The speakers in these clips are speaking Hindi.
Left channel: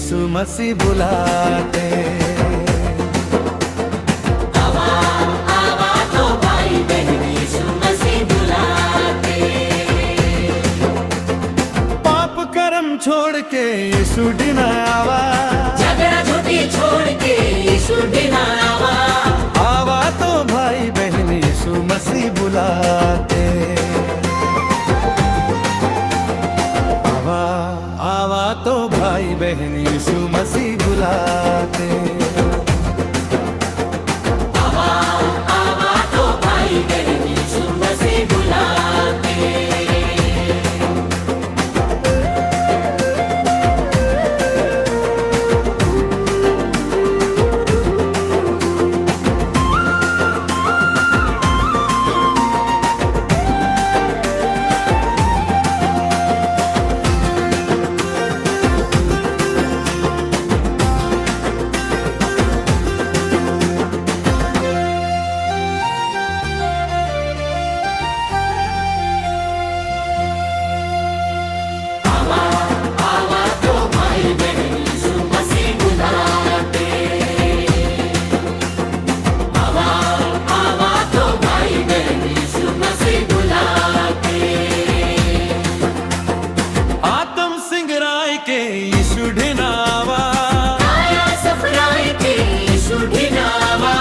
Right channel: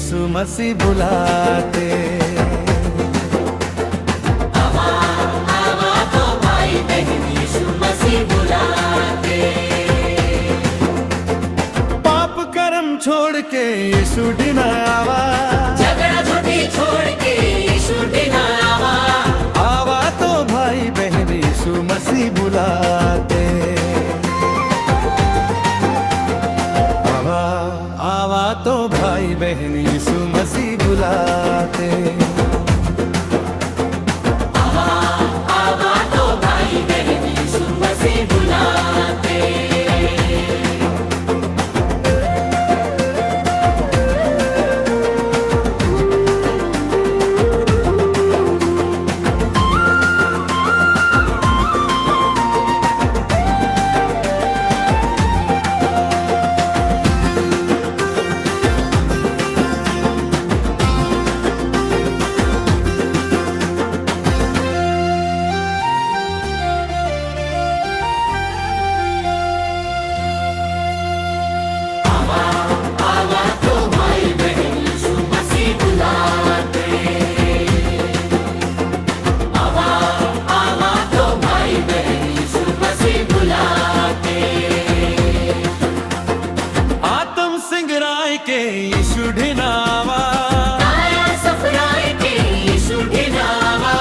यीशु मसीह बुलाते। आवा आवा तो भाई बहन यीशु मसीह बुलाते। पाप कर्म छोड़ के यीशु ढिना आवा, झगड़ा झूठी छोड़ के यीशु ढिना आवा। आवा तो भाई बहन यीशु मसीह बुलाते। आवा आवा तो भाई बहन यीशु मसीह बुलाते। आवा आवा तो भाई बहन यीशु मसीह बुलाते। के यीशु ढिनावा, आया सफराए के यीशु ढिनावा।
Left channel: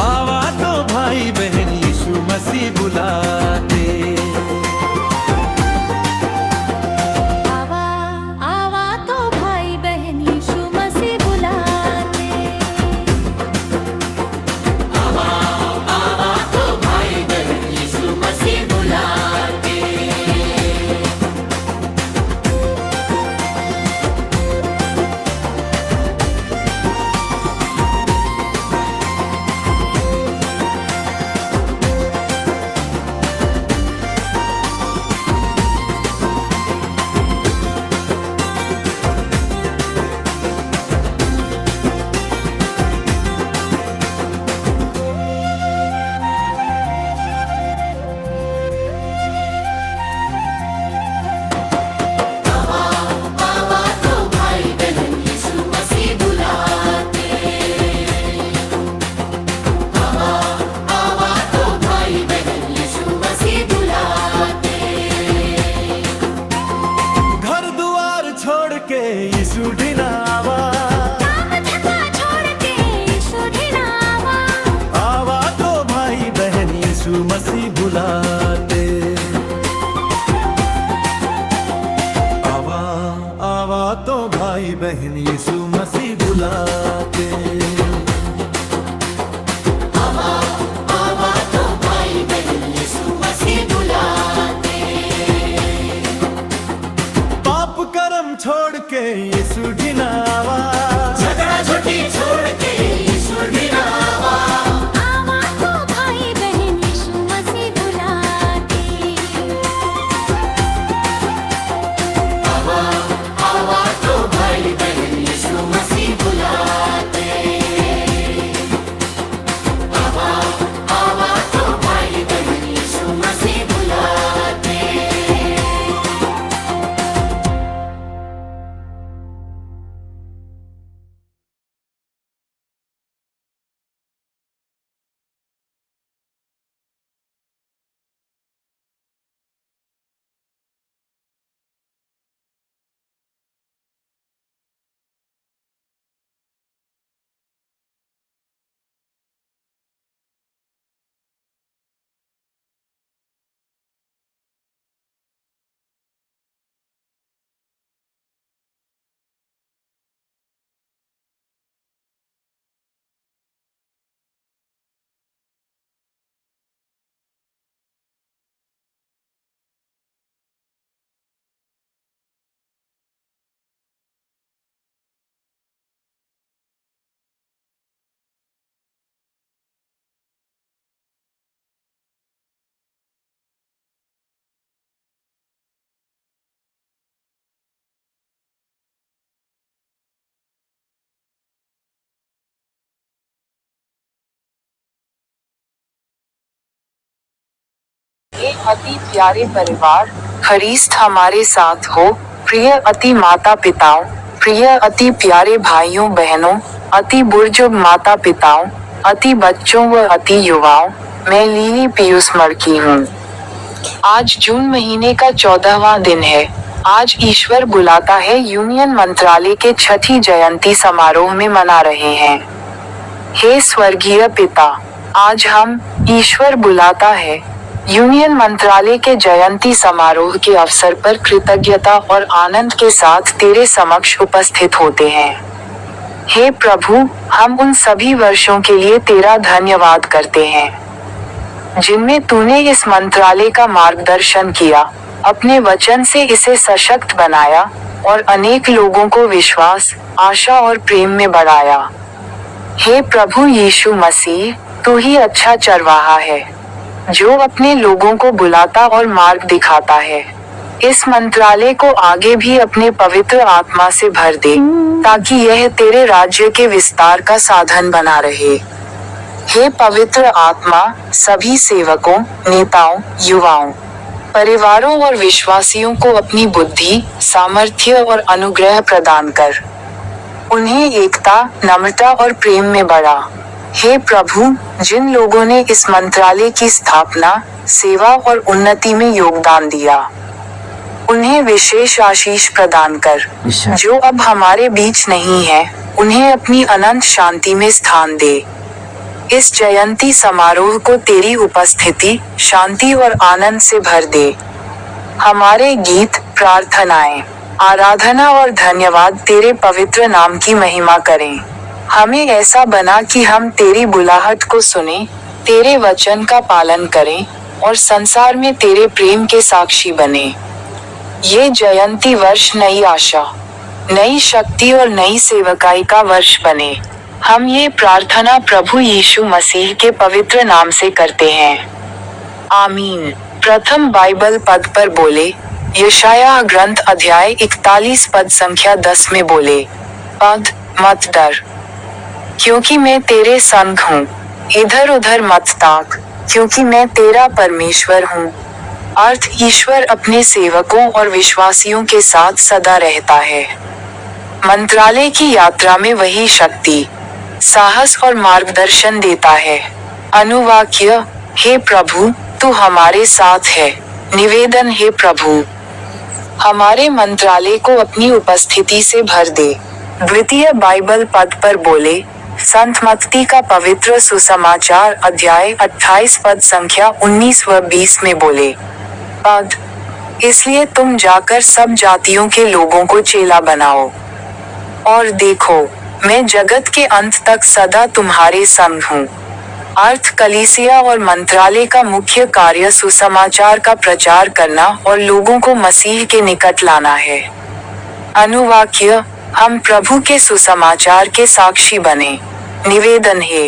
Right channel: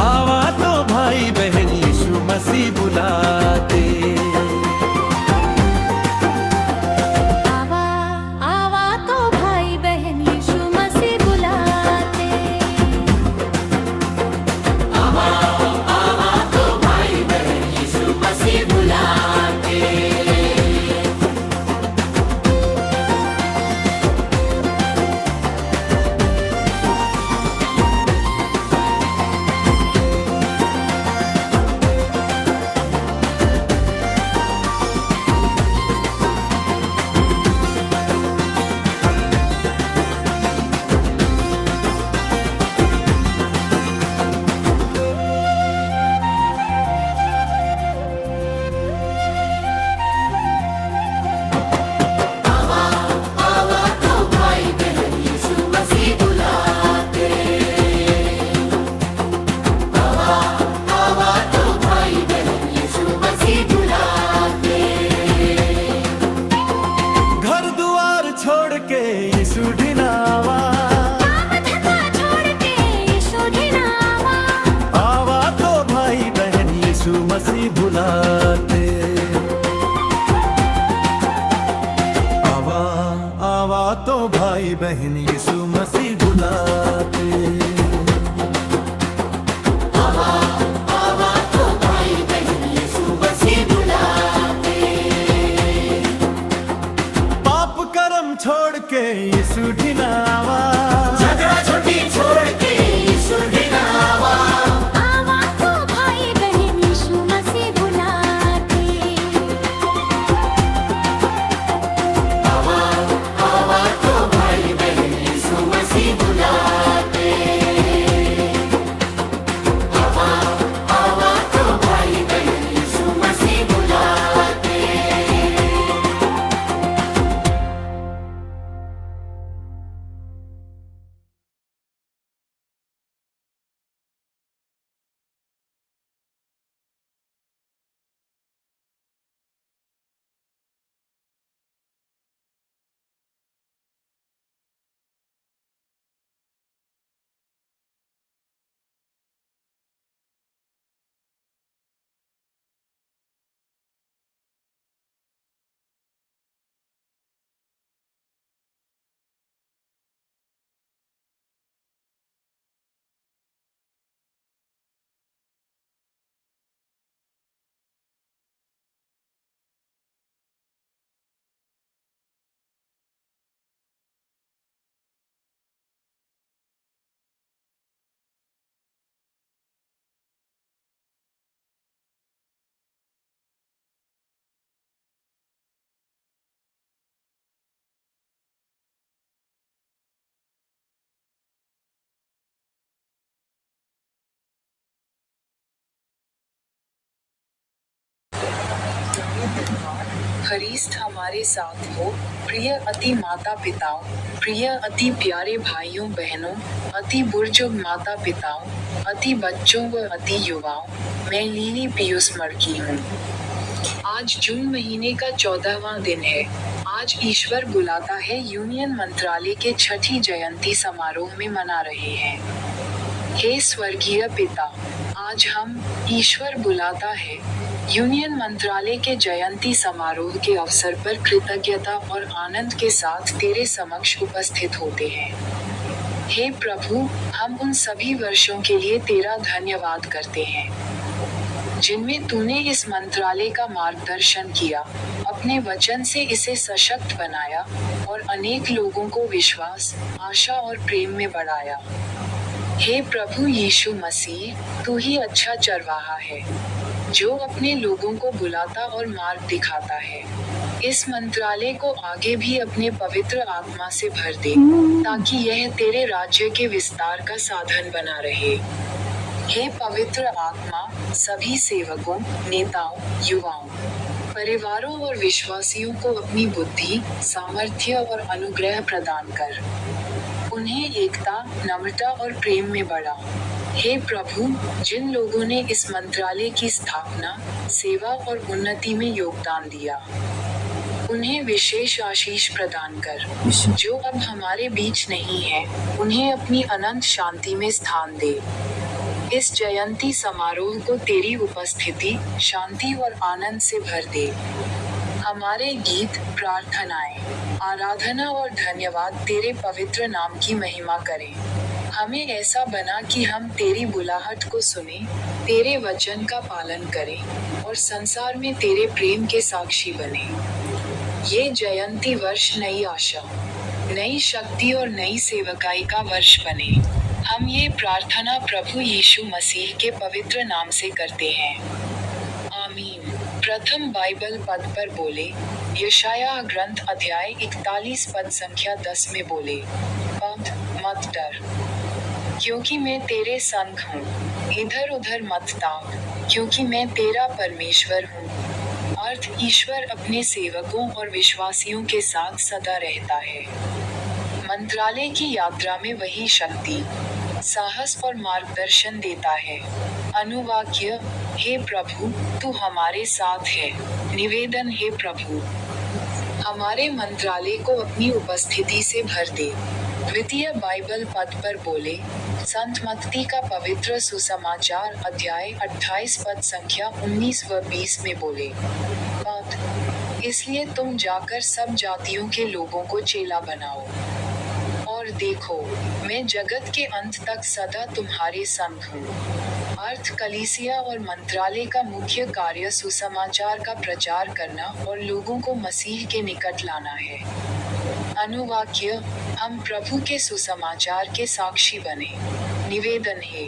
आवा तो भाई बहन यीशु मसीह बुलाते। आवा आवा तो भाई बहन यीशु मसीह बुलाते। आवा आवा तो भाई बहन यीशु मसीह बुलाते। छोड़ के यीशु ढिनावा, काम धंधा छोड़ के यीशु ढिनावा। आवा तो भाई बहन यीशु मसीह बुलाते। आवा आवा तो भाई बहन यीशु मसीह बुलाते। आवा आवा तो भाई बहन यीशु मसीह बुलाते। पाप कर्म छोड़ के यीशु ढिनावा, झगड़ा झूठी छोड़ के यीशु ढिनावा। आवा तो भाई बहन यीशु मसीह बुलाते। आवा आवा तो भाई बहन यीशु मसीह बुलाते। आवा आवा तो भाई बहन यीशु मसीह बुलाते। एक अति प्यारे परिवार, खरीस्त हमारे साथ हो, प्रिय अति माता पिताओं, प्रिय अति प्यारे भाइयों बहनों, अति बुजुर्ग माता पिताओं, अति बच्चों व अति युवाओं, मैं लिली पीयूष मर्की हूँ। आज जून महीने का 14वां दिन है। आज ईश्वर बुलाता है यूनियन मंत्रालय के छठी जयंती समारोह में मना रहे हैं। हे स्वर्गीय पिता, आज हम ईश्वर बुलाता है यूनियन मंत्रालय के जयंती समारोह के अवसर पर कृतज्ञता और आनंद के साथ तेरे समक्ष उपस्थित होते हैं। हे प्रभु, हम उन सभी वर्षों के लिए तेरा धन्यवाद करते हैं जिनमें तूने इस मंत्रालय का मार्गदर्शन किया, अपने वचन से इसे सशक्त बनाया और अनेक लोगों को विश्वास, आशा और प्रेम में बढ़ाया। हे प्रभु यीशु मसीह, तू ही अच्छा चरवाहा है जो अपने लोगों को बुलाता और मार्ग दिखाता है। इस मंत्रालय को आगे भी अपने पवित्र आत्मा से भर दे ताकि यह तेरे राज्य के विस्तार का साधन बना रहे। हे पवित्र आत्मा, सभी सेवकों, नेताओं, युवाओं, परिवारों और विश्वासियों को अपनी बुद्धि, सामर्थ्य और अनुग्रह प्रदान कर। उन्हें एकता, नम्रता और प्रेम में बढ़ा। हे प्रभु, जिन लोगों ने इस मंत्रालय की स्थापना, सेवा और उन्नति में योगदान दिया, उन्हें विशेष आशीष प्रदान कर। जो अब हमारे बीच नहीं है, उन्हें अपनी अनंत शांति में स्थान दे। इस जयंती समारोह को तेरी उपस्थिति, शांति और आनंद से भर दे। हमारे गीत, प्रार्थनाएं, आराधना और धन्यवाद तेरे पवित्र नाम की महिमा करें। हमें ऐसा बना कि हम तेरी बुलाहट को सुने, तेरे वचन का पालन करें और संसार में तेरे प्रेम के साक्षी बने। ये जयंती वर्ष नई आशा, नई शक्ति और नई सेवकाई का वर्ष बने। हम ये प्रार्थना प्रभु यीशु मसीह के पवित्र नाम से करते हैं। आमीन। प्रथम बाइबल पद पर बोले। यशायाह ग्रंथ अध्याय 41 पद संख्या 10 में बोले, पद, मत डर, क्योंकि मैं तेरे संग हूँ। इधर उधर मत ताक, क्योंकि मैं तेरा परमेश्वर हूँ। अर्थ, ईश्वर अपने सेवकों और विश्वासियों के साथ सदा रहता है। मंत्रालय की यात्रा में वही शक्ति, साहस और मार्गदर्शन देता है। अनुवाक्य, हे प्रभु, तू हमारे साथ है। निवेदन, हे प्रभु, हमारे मंत्रालय को अपनी उपस्थिति से भर दे। द्वितीय बाइबल पद पर बोले। संत मत्ती का पवित्र सुसमाचार अध्याय 28 पद संख्या 19 व 20 में बोले, पद, इसलिए तुम जाकर सब जातियों के लोगों को चेला बनाओ। और देखो, मैं जगत के अंत तक सदा तुम्हारे संग हूँ। अर्थ, कलीसिया और मंत्रालय का मुख्य कार्य सुसमाचार का प्रचार करना और लोगों को मसीह के निकट लाना है। अनुवाक्य, हम प्रभु के सुसमाचार के साक्षी बने। निवेदन, हे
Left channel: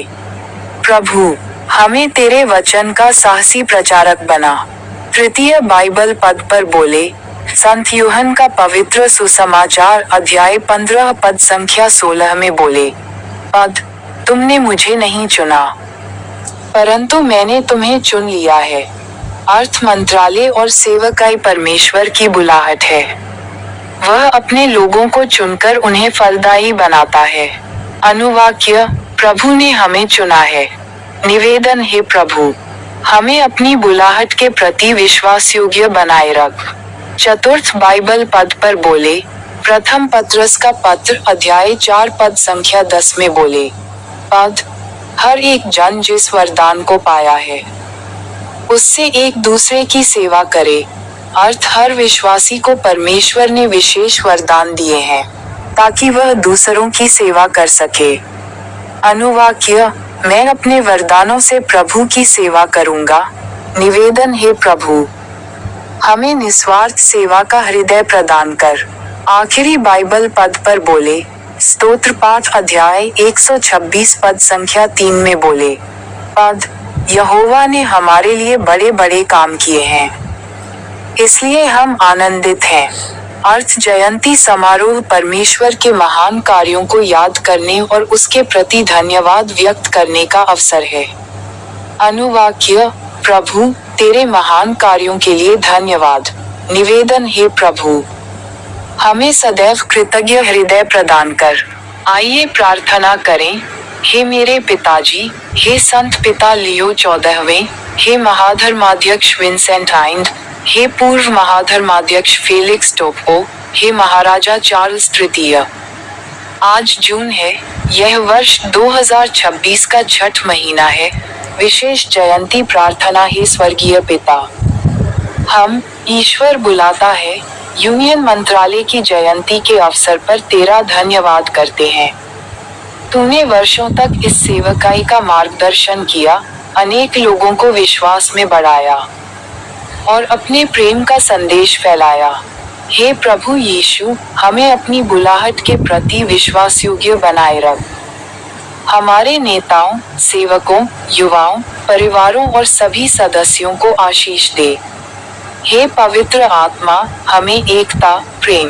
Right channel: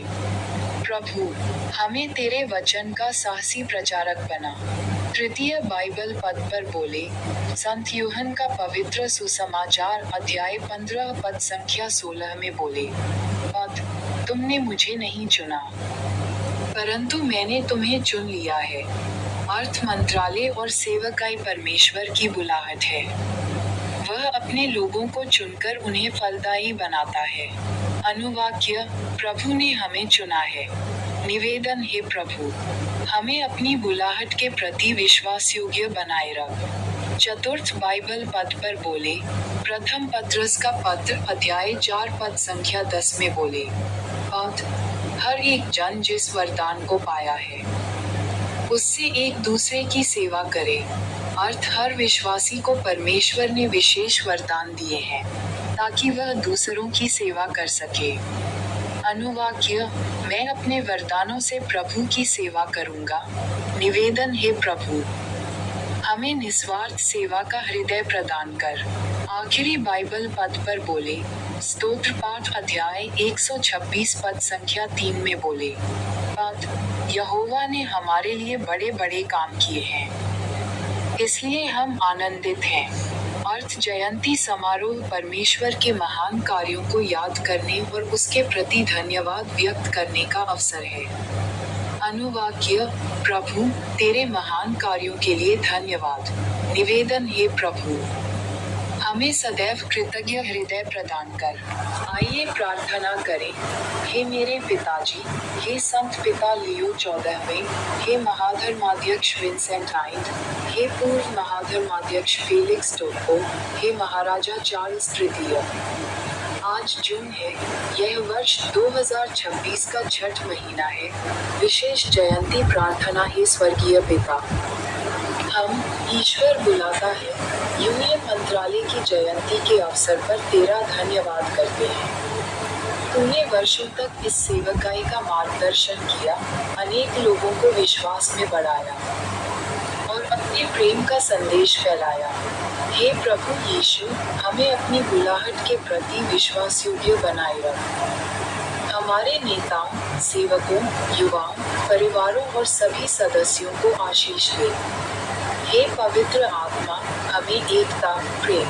प्रभु, हमें तेरे वचन का साहसी प्रचारक बना। तृतीय बाइबल पद पर बोले। संत यूहन्ना का पवित्र सुसमाचार अध्याय 15 पद संख्या 16 में बोले, पद, तुमने मुझे नहीं चुना, परंतु मैंने तुम्हें चुन लिया है। अर्थ, मंत्रालय और सेवकाई परमेश्वर की बुलाहट है। वह अपने लोगों को चुनकर उन्हें फलदायी बनाता है। अनुवाक्य, प्रभु ने हमें चुना है। निवेदन, हे प्रभु, हमें अपनी बुलाहट के प्रति विश्वास योग्य बनाए रख। चतुर्थ बाइबल पद पर बोले। प्रथम पत्रस का पत्र अध्याय 4 पद संख्या 10 में बोले, पद, हर एक जन जिस वरदान को पाया है उससे एक दूसरे की सेवा करे। अर्थ, हर विश्वासी को परमेश्वर ने विशेष वरदान दिए हैं ताकि वह दूसरों की सेवा कर सके। अनुवाक्य, मैं अपने वरदानों से प्रभु की सेवा करूंगा। निवेदन, हे प्रभु, हमें निस्वार्थ सेवा का हृदय प्रदान कर। आखिरी बाइबल पद पर बोले। स्तोत्र पाठ अध्याय 126 पद संख्या 3 में बोले, पद, यहोवा ने हमारे लिए बड़े बड़े काम किए हैं, इसलिए हम आनंदित हैं। अर्थ, जयंती समारोह परमेश्वर के महान कार्यों को याद करने और उसके प्रति धन्यवाद व्यक्त करने का अवसर है। अनुवाक्य, प्रभु, तेरे महान कार्यों के लिए धन्यवाद। निवेदन, हे प्रभु, हमें सदैव कृतज्ञ हृदय प्रदान कर। आइए प्रार्थना करें। हे मेरे पिताजी, हे संत पिता लियो 14वें, हे महाधर्माध्यक्ष विंसेंट आइंड, हे पूर्व महाधर्माध्यक्ष फेलिक्स टोप्पो, हे महाराजा चार्ल्स तृतीय। आज जून है, यह वर्ष 2026 का छठ महीना है। विशेष जयंती प्रार्थना। हे स्वर्गीय पिता, हम ईश्वर बुलाता है यूनियन मंत्रालय की जयंती के अवसर पर तेरा धन्यवाद करते हैं। तूने वर्षों तक इस सेवकाई का मार्गदर्शन किया, अनेक लोगों को विश्वास में बढ़ाया और अपने प्रेम का संदेश फैलाया। हे प्रभु यीशु, हमें अपनी बुलाहट के प्रति विश्वास योग्य बनाए रख। हमारे नेताओं, सेवकों, युवाओं, परिवारों और सभी सदस्यों को आशीष दे। हे पवित्र आत्मा, हमें एकता, प्रेम,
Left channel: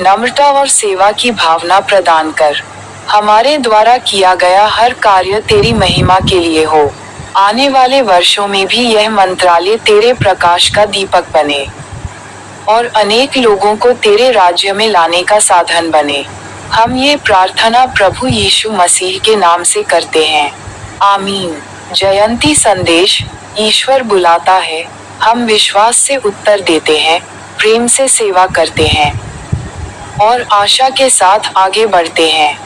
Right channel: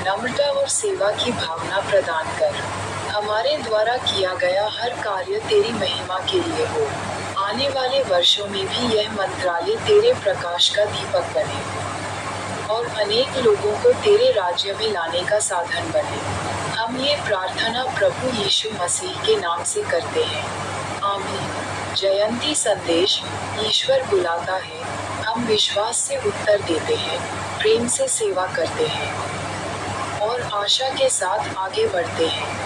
नम्रता और सेवा की भावना प्रदान कर। हमारे द्वारा किया गया हर कार्य तेरी महिमा के लिए हो। आने वाले वर्षों में भी यह मंत्रालय तेरे प्रकाश का दीपक बने और अनेक लोगों को तेरे राज्य में लाने का साधन बने। हम ये प्रार्थना प्रभु यीशु मसीह के नाम से करते हैं। आमीन। जयंती संदेश। ईश्वर बुलाता है, हम विश्वास से उत्तर देते हैं, प्रेम से सेवा करते हैं और आशा के साथ आगे बढ़ते हैं।